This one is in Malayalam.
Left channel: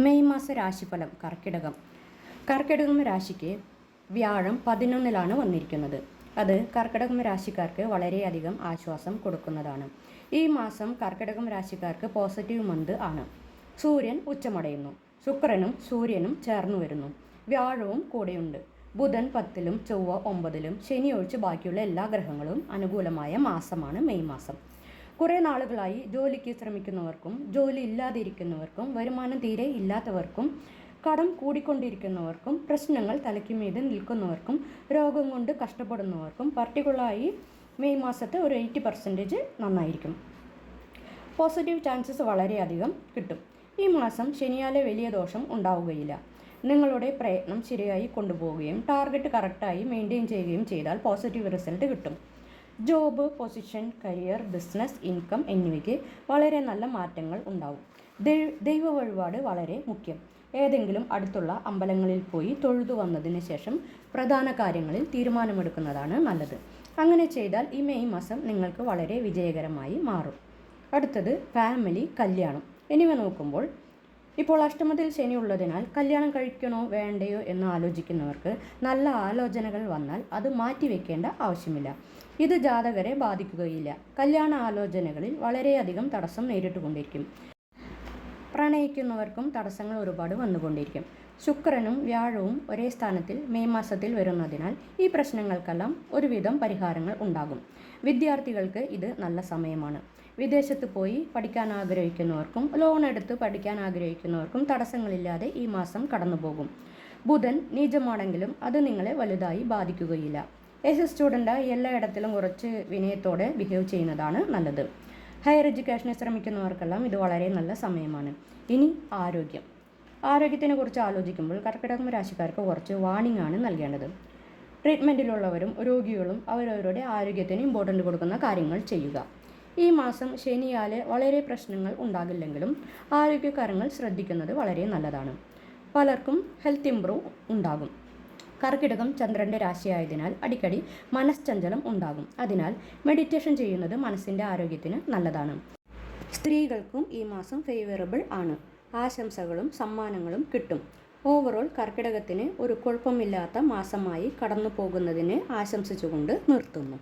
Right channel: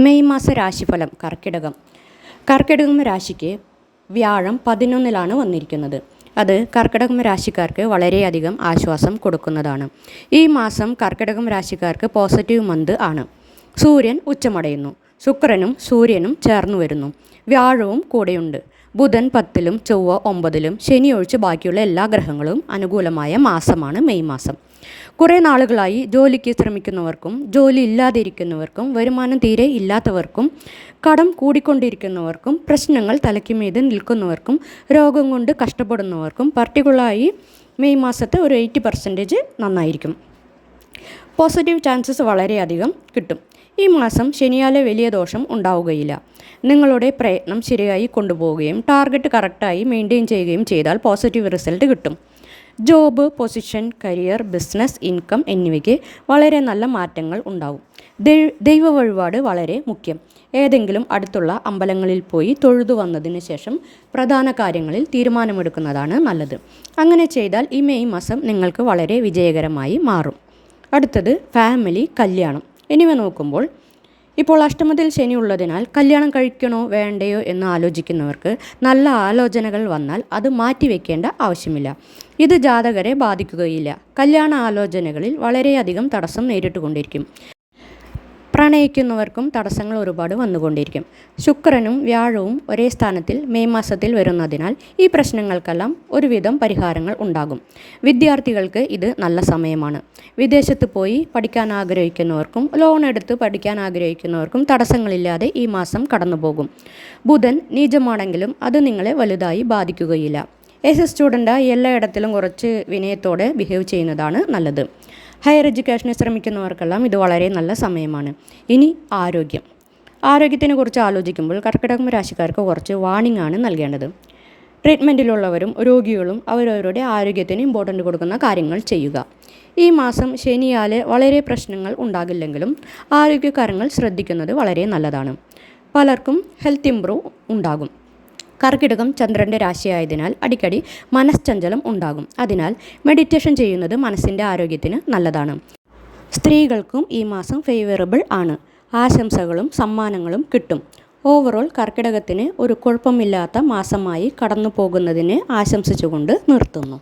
മെയ് മാസ രാശിഫലം കർക്കിടകം. കർക്കിടകം രാശിക്ക് വ്യാഴം പതിനൊന്നിലാണ് വന്നിരിക്കുന്നത്. അത് കർക്കിടകം രാശിക്കാർക്ക് വളരെയധികം ആശ്വാസം കൊടുക്കുന്നതാണ്. ഈ മാസം കർക്കിടകം രാശിക്കാർക്ക് പോസിറ്റീവ് മന്ത് ആണ്. സൂര്യൻ ഉച്ചമടയുന്നു. ശുക്രനും സൂര്യനും ചേർന്നു വരുന്നു. വ്യാഴവും കൂടെയുണ്ട്. ബുധൻ പത്തിലും ചൊവ്വ ഒമ്പതിലും ശനി ഒഴിച്ച് ബാക്കിയുള്ള എല്ലാ ഗ്രഹങ്ങളും അനുകൂലമായ മാസമാണ് മെയ് മാസം. കുറേ നാളുകളായി ജോലിക്ക് ശ്രമിക്കുന്നവർക്കും ജോലി ഇല്ലാതിരിക്കുന്നവർക്കും വരുമാനം തീരെ ഇല്ലാത്തവർക്കും കടം കൂടിക്കൊണ്ടിരിക്കുന്നവർക്കും പ്രശ്നങ്ങൾ തലയ്ക്കുമീത് നിൽക്കുന്നവർക്കും രോഗം കൊണ്ട് കഷ്ടപ്പെടുന്നവർക്കും പർട്ടിക്കുലറായി മെയ് മാസത്തെ ഒരു എയ്റ്റി പെർസെന്റേജ് നന്നായിരിക്കും. പോസിറ്റീവ് ചാൻസസ് വളരെയധികം കിട്ടും. ഈ മാസം ശനിയാലെ വലിയ ദോഷം ഉണ്ടാവുകയില്ല. നിങ്ങളുടെ പ്രയത്നം ശരിയായി കൊണ്ടുപോവുകയും ടാർഗറ്റ് കറക്റ്റായി മെയിന്റെയിൻ ചെയ്യുകയും ചെയ്താൽ പോസിറ്റീവ് റിസൾട്ട് കിട്ടും. Job position career business income എന്നിവയ്ക്ക് വളരെ നല്ല മാറ്റങ്ങൾ ഉണ്ടാവും. ദൈവ വഴിപാട് വളരെ മുഖ്യം. ഏതെങ്കിലും അടുത്തുള്ള അമ്പലങ്ങളിൽ പോയി തൊഴുതു വന്നതിന് ശേഷം പ്രധാന കാര്യങ്ങളിൽ തീരുമാനമെടുക്കുന്നതാണ് നല്ലത്. അങ്ങനെ ചെയ്താൽ ഈ മെയ് മാസം നിങ്ങൾക്ക് വളരെ വിജയകരമായി മാറും. അടുത്തത് ഫാമിലി കല്യാണം. എന്നിവ നോക്കുമ്പോൾ ഇപ്പോൾ അഷ്ടമത്തിൽ ശനി ഉള്ളതിനാൽ കല്യാണം കഴിക്കണോ വേണ്ടയോ എന്ന് ആലോചിക്കുന്നവർക്ക് നല്ല ആലോചനകൾ വന്നാൽ അത് മാറ്റിവെക്കേണ്ട ആവശ്യമില്ല. ഇത് ജാതകരെ ബാധിക്കുകയില്ല. കല്യാണ ആലോചനകളിൽ വളരെയധികം തടസ്സം നേരിട്ടുകൊണ്ടിരിക്കും. പ്രണയിക്കുന്നവർക്കും തടസ്സങ്ങൾ ഒരുപാട് വന്നുകൊണ്ടിരിക്കും. ശുക്രനും വ്യാഴവും ഒരേ സ്ഥാനത്തിൽ മെയ് മാസത്തിൽ വരുന്നതിനാൽ ഈ പ്രശ്നങ്ങൾക്കെല്ലാം ഒരുവിധം പരിഹാരങ്ങൾ ഉണ്ടാകും. വിദ്യാർത്ഥികൾക്ക് ഇത് നല്ല സമയമാണ്. വിദേശത്ത് പോയി പഠിക്കാൻ ആഗ്രഹിക്കുന്നവർക്കും ലോൺ എടുത്ത് പഠിക്കാൻ ആഗ്രഹിക്കുന്നവർക്കും തടസ്സങ്ങളില്ലാതെ ഈ മാസം കടന്നുപോകും. ബുധൻ നീചമാണെങ്കിലും അത് നിങ്ങളെ വലുതായി ബാധിക്കുകയില്ല. എസ് എ സ്റ്റുഡന്റ് എല്ലായിടത്തിലും കുറച്ച് വിനയത്തോടെ ബിഹേവ് ചെയ്യുന്നതാണ് നല്ലത്. ഹയർ എഡ്യൂക്കേഷന് ശ്രമിക്കുന്നവർക്കെല്ലാം ഇത് വളരെ നല്ല സമയമാണ്. ഇനി ആരോഗ്യം. ആരോഗ്യത്തിനെ കുറിച്ച് ആലോചിക്കുമ്പോൾ കർക്കിടകം രാശിക്കാർക്ക് കുറച്ച് വാണിംഗ് ആണ് നൽകേണ്ടത്. ട്രീറ്റ്മെന്റിലുള്ളവരും രോഗികളും അവരവരുടെ ആരോഗ്യത്തിന് ഇമ്പോർട്ടന്റ് കൊടുക്കുന്ന കാര്യങ്ങൾ ചെയ്യുക. ഈ മാസം ശനിയാൽ വളരെ പ്രശ്നങ്ങൾ ഉണ്ടാകില്ലെങ്കിലും ആരോഗ്യകാര്യങ്ങൾ ശ്രദ്ധിക്കുന്നത് വളരെ നല്ലതാണ്. പലർക്കും ഹെൽത്ത് ഇമ്പ്രൂവ് ഉണ്ടാകും. കർക്കിടകം ചന്ദ്രന്റെ രാശിയായതിനാൽ അടിക്കടി മനഃചഞ്ചലം ഉണ്ടാകും. അതിനാൽ മെഡിറ്റേഷൻ ചെയ്യുന്നത് മനസ്സിന്റെ ആരോഗ്യത്തിന് നല്ലതാണ്. സ്ത്രീകൾക്കും ഈ മാസം ഫേവറബിൾ ആണ്. ആശംസകളും സമ്മാനങ്ങളും കിട്ടും. ഓവറോൾ കർക്കിടകത്തിന് ഒരു കുഴപ്പമില്ലാത്ത മാസമായി കടന്നു പോകുന്നതിന് ആശംസിച്ചുകൊണ്ട് നിർത്തുന്നു.